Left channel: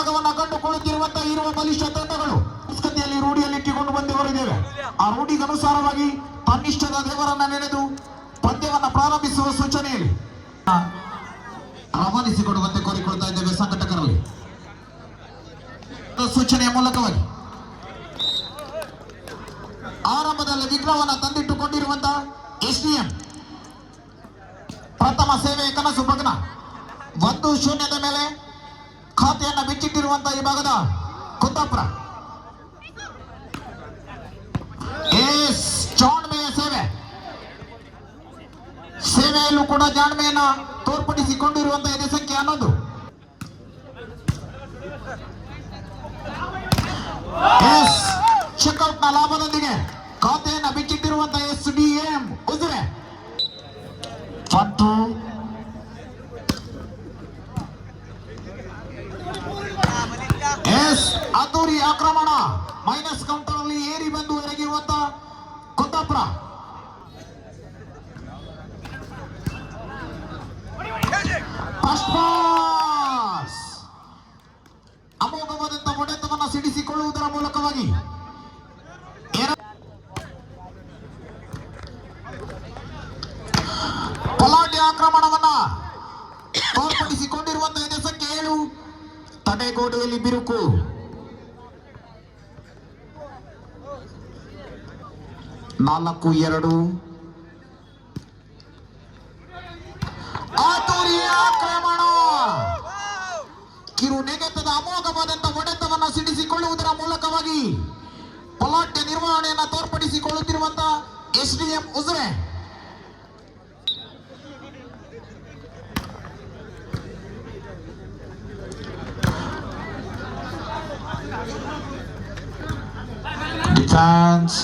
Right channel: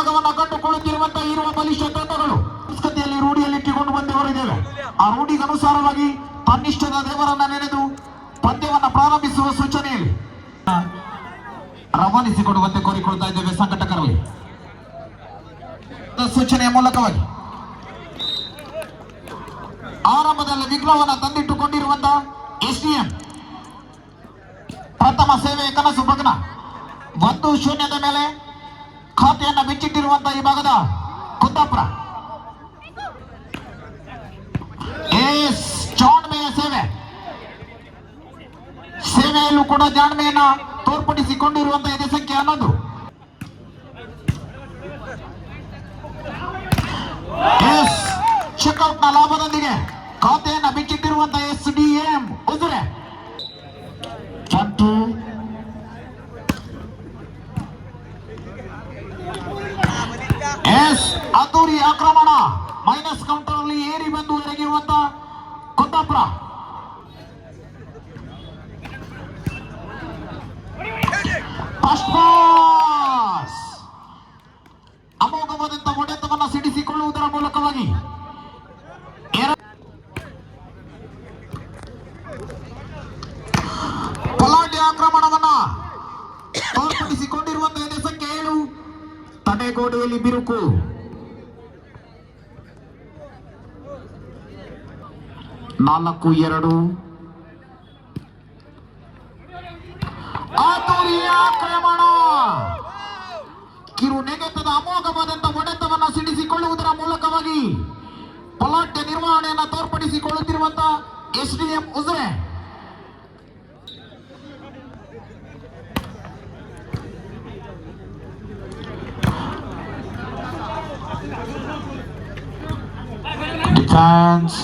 ಭಾಗವನ್ನು ಕಂಡುಕೊಳ್ಳುತ್ತಿರುವಂತಹ ಇರುವ ಬಲಿಷ್ಠ ತಂಡಗಳು ಸಂಸ್ಕೃತಿಯಲ್ಲಿ ರೂಢಿಯಲ್ಲಿಟ್ಟುಕೊಂಡು ಬಂದು ಹೊರಗಿವೆ. ಆ ರೂಢಿಗನುಸಾರವಾಗಿ ತನ್ನಿಷ್ಟದ ದೇವರನ್ನ ನೆನೆದು ಪಂದ್ಯವನ್ನು ಪ್ರಾರಂಭಿಸುವ ಸೂಚನೆಯಲ್ಲಿ ರವಾನಿಸಿಕೊಡುವಂತೆ ಕೋರಿಕೊಳ್ತಾ ಇದ್ದೇವೆ ಸಂಘಟಕರಲ್ಲಿ. ಸೂಚನೆಯ ಮೂಲಕವಾಗಿ ಆರಂಭದಲ್ಲಿ ವಿಘ್ನವನ್ನು ತಂದಿಟ್ಟುಕೊಂಡಿರುವಂತಹ ಎಸ್ಡಿಎಂ ಪ್ರಥಮ ಸೇವೆಯ ಕನಸು ಭಗ್ನ 1-0 ಮೇಲೆ ಖಾತೆಯನ್ನು ಬಿಚ್ಚಿಟ್ಟಿರುವಂತಹ ಈ ಭಾಗದ ಕುಂದಾಪುರ ಜಾಣ್ಮೆಯ ಸೇವೆಯಲ್ಲೂ ಕೂಡ ಜಾಣ್ಮೆಯನ್ನು ತೋರ್ಪಡಿಸಿಕೊಂಡಿರುವಂತಹ ಎದೆ ಸಂಖ್ಯೆ 11 ಚೆಕ್ಔಟ್ ನ ಲಾಭದೊಂದಿಗೆ ಖಾತೆಯನ್ನು ಬಿಚ್ಚಿಟ್ಟಿರುವಂತಹ ಎಸ್ಡಿಎಂ ಉಜಿರೆ ಅದ್ದೂರಿ ಆಕ್ರಮಣ ಮೈನಸ್ ಕೌಂಟರ್ ಅಲ್ಲಿ ಏರಿ ಬಂದು ಎರಗಿರುವಂತಹ ಕುಂದಾಪುರ. ಅಮೋಘವಾದಂತಹ ಹೊಡೆತವನ್ನು ಸಿಡಿಸಿಕೊಳ್ಳುವುದರ ಮೂಲಕವಾಗಿ ಪಲಾಟ್ಯ ಆಕ್ರಮಣವನ್ನ ತೋರ್ಪಡಿಸಿಕೊಂಡಿರುವಂತಹ ಎದೆ ಸಂಖ್ಯೆ 7 ತಡೆಗೋಡೆಯಲ್ಲಿ ಬಿರುಕು. 4-2 ಆಕ್ರಮಣ ಕಿರು ನೆಗೆತದ ಅಮೋಘವಾದಂತಹ ಹೊಡೆತವನ್ನು ಸಿಡಿಸಿಕೊಳ್ಳುವುದರ ಮೂಲಕವಾಗಿ ಪಲಾಟ್ಯ ನಿರ್ವಹಣೆಯನ್ನು ತೋರ್ಪಡಿಸಿಕೊಳ್ಳುತ್ತಿರುವಂತಹ ಎಸ್ಡಿಎಂ ಉಜಿರೆ. ಡಿಫೆನ್ಸ್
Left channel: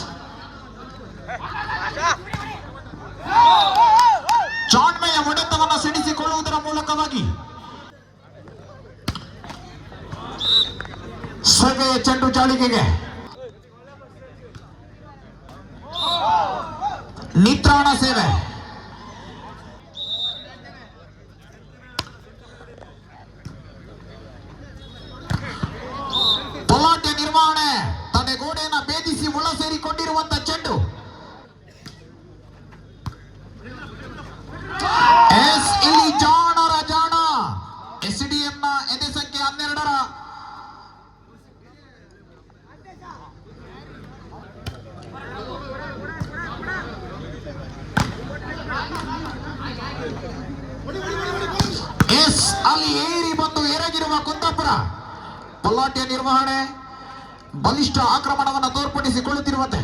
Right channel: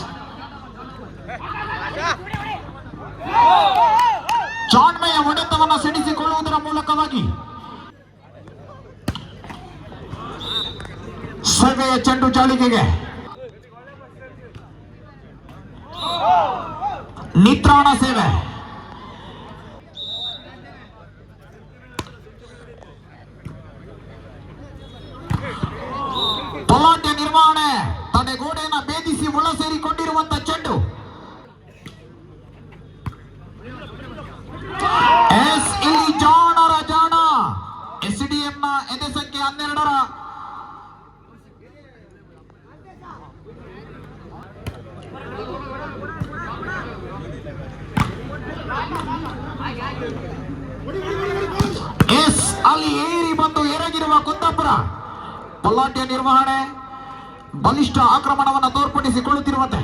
ಜಾಣ್ಮೆಯ ಹೊಡೆತವನ್ನು ಸಿಡಿಸಿಕೊಳ್ಳುವುದರ ಮೂಲಕವಾಗಿ ಸೇವೆಯ ಚೆಂಡು ಜಾಳಿಗೆಗೆ ನಿತ್ರಾಣ ಸೇವೆ. ಪಲಾಟ್ಯ ನಿರ್ವಹಣೆ ತಡೆಗೋಡೆಯನ್ನು ಭೇದಿಸಿ ಒಳ ಸೇರಿಕೊಂಡಿರುವಂತಹ ಚೆಂಡು. ಇಲ್ಲಿ ಜಾಣರ ಜಾಣ ಎಸ್ಡಿಎಂ ನ ಎದೆ ಸಂಖ್ಯೆ 12 ಅಲ್ಲಿ ಏರಿ ಬಂದು ಎರಗಿರುವ ಕುಂದಾಪುರ. ಪಲಾಟ್ಯ ನಿರ್ವಹಣೆ ಬಲಿಷ್ಠ ಆಕ್ರಮಣವನ್ನು ತೋರ್ಪಡಿಸಿಕೊಳ್ಳುತ್ತಿರುವಂತೆ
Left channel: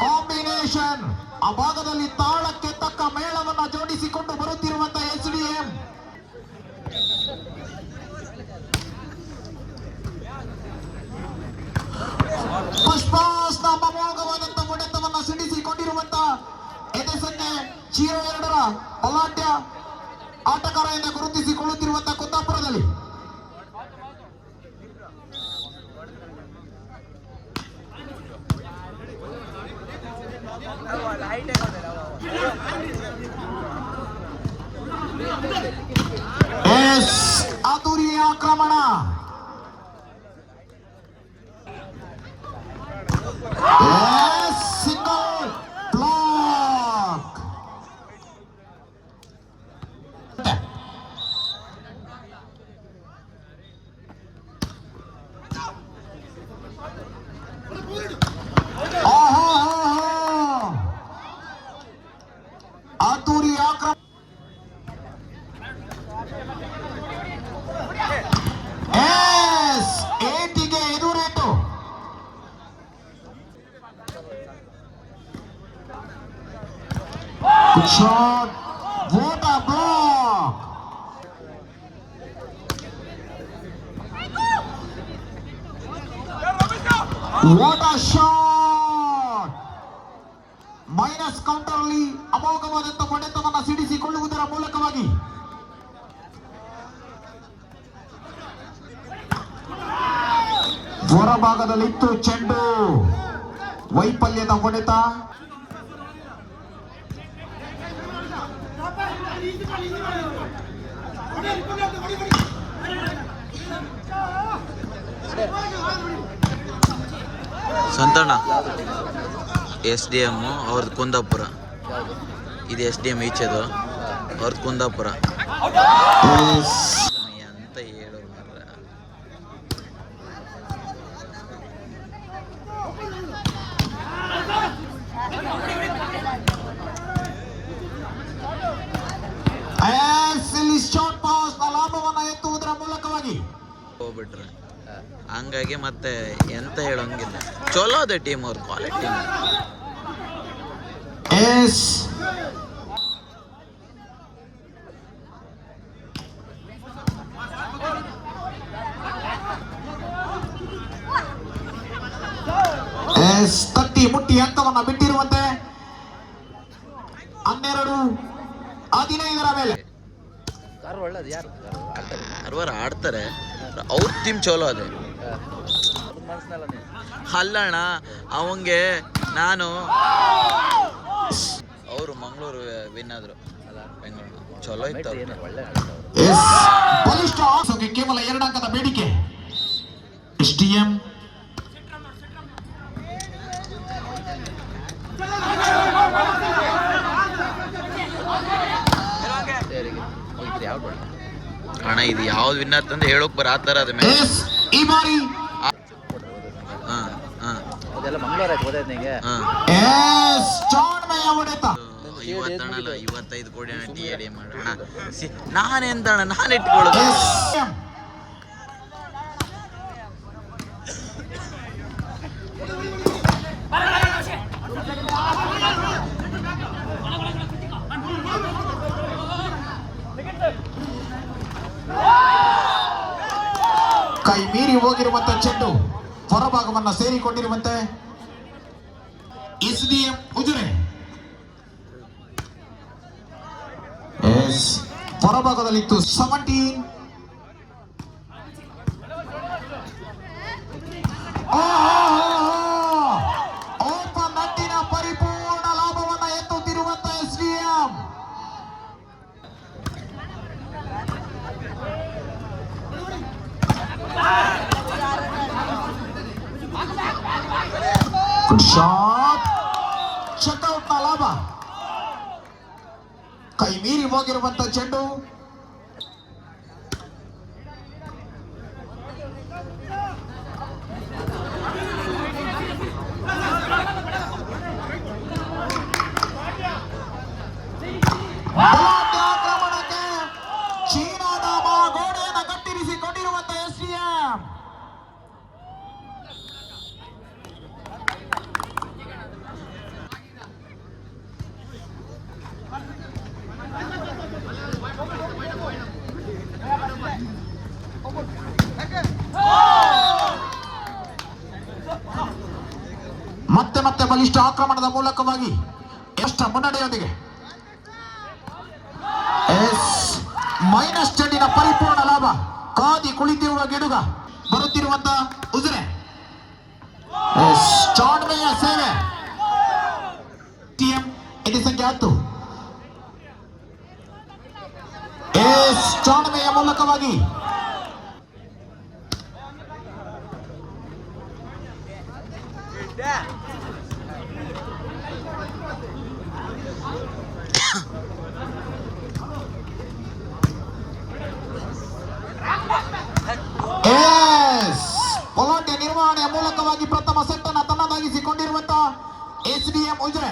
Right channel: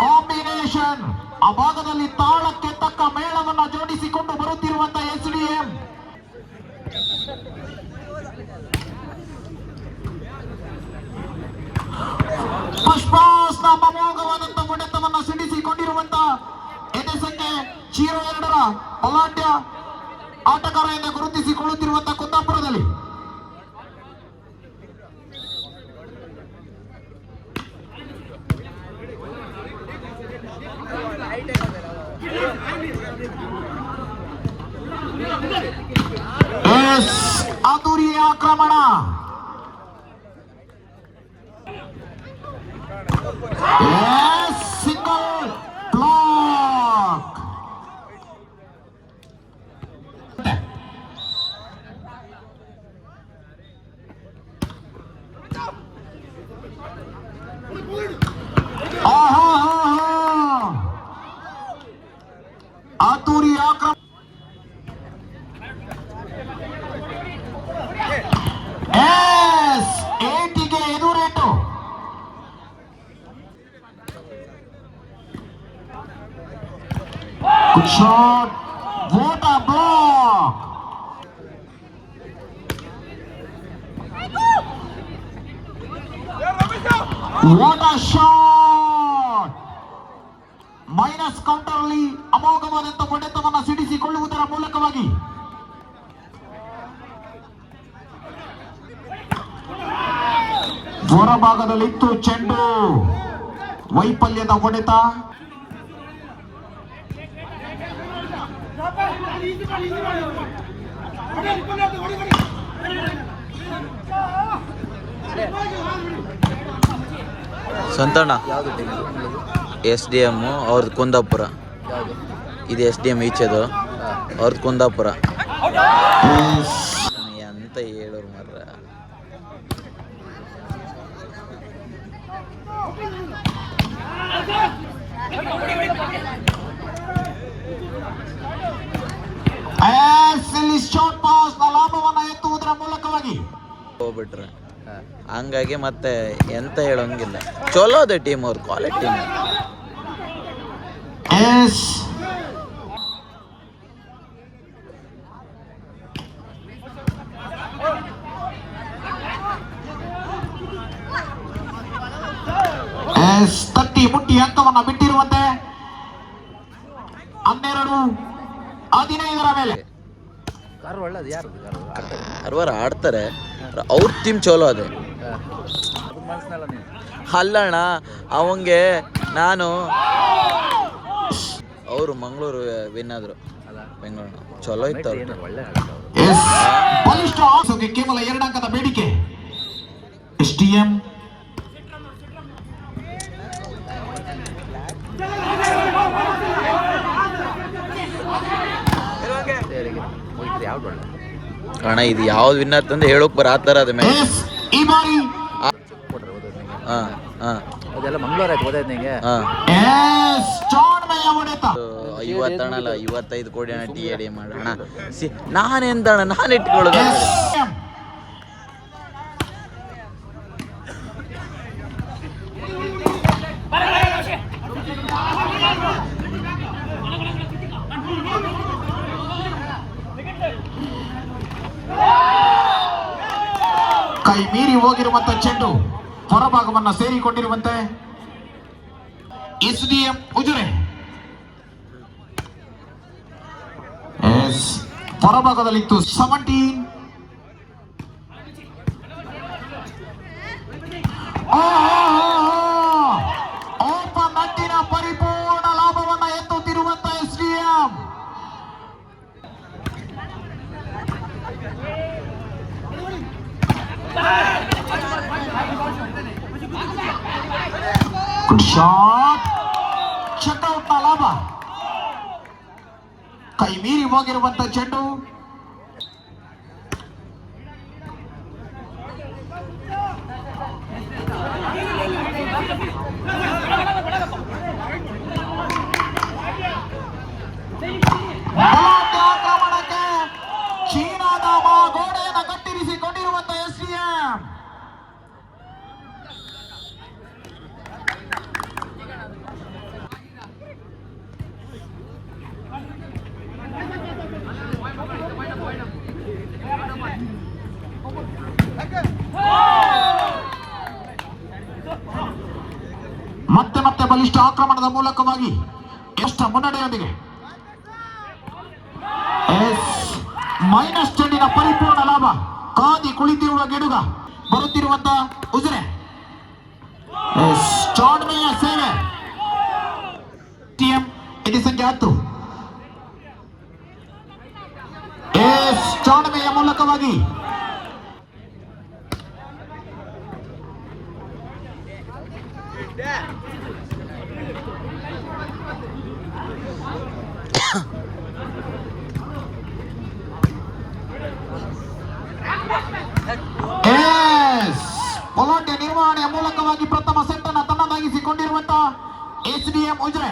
ಕಾಂಬಿನೇಷನ್ ಆ ಭಾಗದಲ್ಲಿ ತಾಳಕ್ಕೆ ತಕ್ಕ ಮೇಳವನ್ನು ಜೋಡಿಸಿಕೊಂಡು ಬರುತ್ತಿರುವಂತಹ ಎಸ್ಡಿಎಂ. ಪುಷ್ಪಾಸ್ನ ಅಮೋಘವಾದಂತಹ ಹೊಡೆತವನ್ನು ಸಿಡಿಸಿಕೊಂಡಿರುವಂತಹ ಎದೆ ಸಂಖ್ಯೆ 02 ಪಲಾಟ್ಯ ಆಟಗಾರ ಎಂದು ಗುರುತಿಸಿಕೊಳ್ಳುತ್ತಿರುವಂತಹ ಕುಂದಾಪುರದಲ್ಲಿ ಅದ್ದೂರಿ ಆಕ್ರಮಣ. Single block. ಅದ್ದೂರಿ ಆಕ್ರಮಣ. ಏಟಿಗೆ ಎದುರೇಟು. Shot. What a block. What a shot. Minus counter ಅಲ್ಲಿ ಅಮೋಘವಾದಂತಹ ಹೊಡೆತವನ್ನು ಸಿಡಿಸಿಕೊಳ್ಳುವುದರ ಮೂಲಕವಾಗಿ ಹೊರಭಾಗದಲ್ಲಿತ್ತು ಚೆಂಡು. ವೈಫಲ್ಯದ ಹೊಡೆತ. ಸಂತಣ್ಣ SDM ಅವ್ರದ್ದು ಕುಂದಾಪುರ, ಇದು SDM ಈಚೆದು ಅವ್ರದ್ದು ಕುಂದಾಪುರ. ಎಂತ ಹೇಳೋರು ಮರ್ರ. ಲಾಭವನ್ನ ಎತ್ತುವುದರ ಮೂಲಕವಾಗಿ ಹೋಗ್ಬಿಟ್ರೆ ಹಂಗಾಗಿ ಮತ್ತೆ ಎಂತ ಹೇಳೋಂಗಿಲ್ಲ. ಚಲೋ ಅದೇ ಟೀಮ್, ಅವ್ರು ಕ್ವಾಲಿಟಿ ಟೀಮ್. ತಟ್ಟಿ ಮುಟ್ಟಿ ಹಂತವನ್ನ ಬಿಟ್ಟಿರುವಂತೆ 12-15 ಮೇಲೆ ಕಾರ್ವಾರ ಆಡ್ತಾರೆ. ಅವ್ರ ಟೀಮ್ ಚಲೋ ಅದೇ. ಅಲ್ಲಣ್ಣ ಅವಂಗೆ ನಾನು ಅವರು ಮಂಗಳೂರು ವಿನ್ ಆದ್ರು. ಬೆಂಗಳೂರು ಚಲೋ ಇತ್ತು ಅವ್ರ ಟೀಮ್. ಕೇವಲ 2 ಅಂಕದ ಬೇಡಿಕೆ. SDM ಅಣ್ಣ ಇದು ಯಾವ್ದು ವಿನ್ ಆತಂದ್ರೆ ಹೇಳೋಕ್ ಬರತ್ತಾರ ಅದ ಮೇಲೆ. ಈ ಬಾರಿ ಹಾಂ ಹಾಂ 50 ಅಣ್ಣಲ್ಲ 55 ಕೋಟಿ ಅಣ್ಣ TAD ಮಾಡೋಣ. ನಾನೆಂತಣ್ಣ ನಾನು ಇಟ್ಕೊಳ್ಳೋದು. ಕೈ ಮೀರಿ ಹೋಗಿರುವಂತ ಚೆಂಡು ಹೊರಭಾಗವನ್ನ ಸೇರಿಕೊಂಡಿರುವಂತೆ SDM ಉಜಿರೆ. ಹೊರಭಾಗದಲ್ಲಿತ್ತು 17. ಓಪನ್ ನಟ್ಟಿನ ಪರಿಪೂರ್ಣ ಲಾಭವನ್ನ ಎತ್ತುತ್ತಿರುವಂತ SDM. Good shot. Check out ನ ಲಾಭ. ಕೈ ಮೀರಿ ಹೋಗಿರುವಂತ ಚೆಂಡು ಚೀನಾದ ಗೋಡೆಯನ್ನು ಕಟ್ಟಿರಿಸಿಕೊಂಡಿರುವಂತ SDM. ಮತ್ತೆ ಮತ್ತೆ ಬಲಿಷ್ಠ ಆಕ್ರಮಣದ ಮೂಲಕವಾಗಿ ಎಷ್ಟು ಮುನ್ನಡೆಯೊಂದಿಗೆ ಮೈನಸ್ ಚೆಂಡಿನ ಪರಿಪೂರ್ಣ ಲಾಭ. ಕಾದಿ ಕುಳಿತಿರುವ ಗಿಡುಗ ಬರುತ್ತಿರುವಂತ ಉಜಿರೆ. ಚಾಣ್ಮೆಯ ಸೇವೆ. ಇದು ಸಂಖ್ಯೆ 10. ಚಾಣ್ಮೆಯ ಮೂಲಕವಾಗಿ ಪೊಲಾಟೆ ನಿರ್ವಹಣೆಯ ಮೂಲಕವಾಗಿ ಪ್ರಥಮ ಸೆಟ್ ಅನ್ನು ತಮ್ಮದಾಗಿಸಿಕೊಂಡಿರುವಂತಹ SDM ಉಜಿರೆ.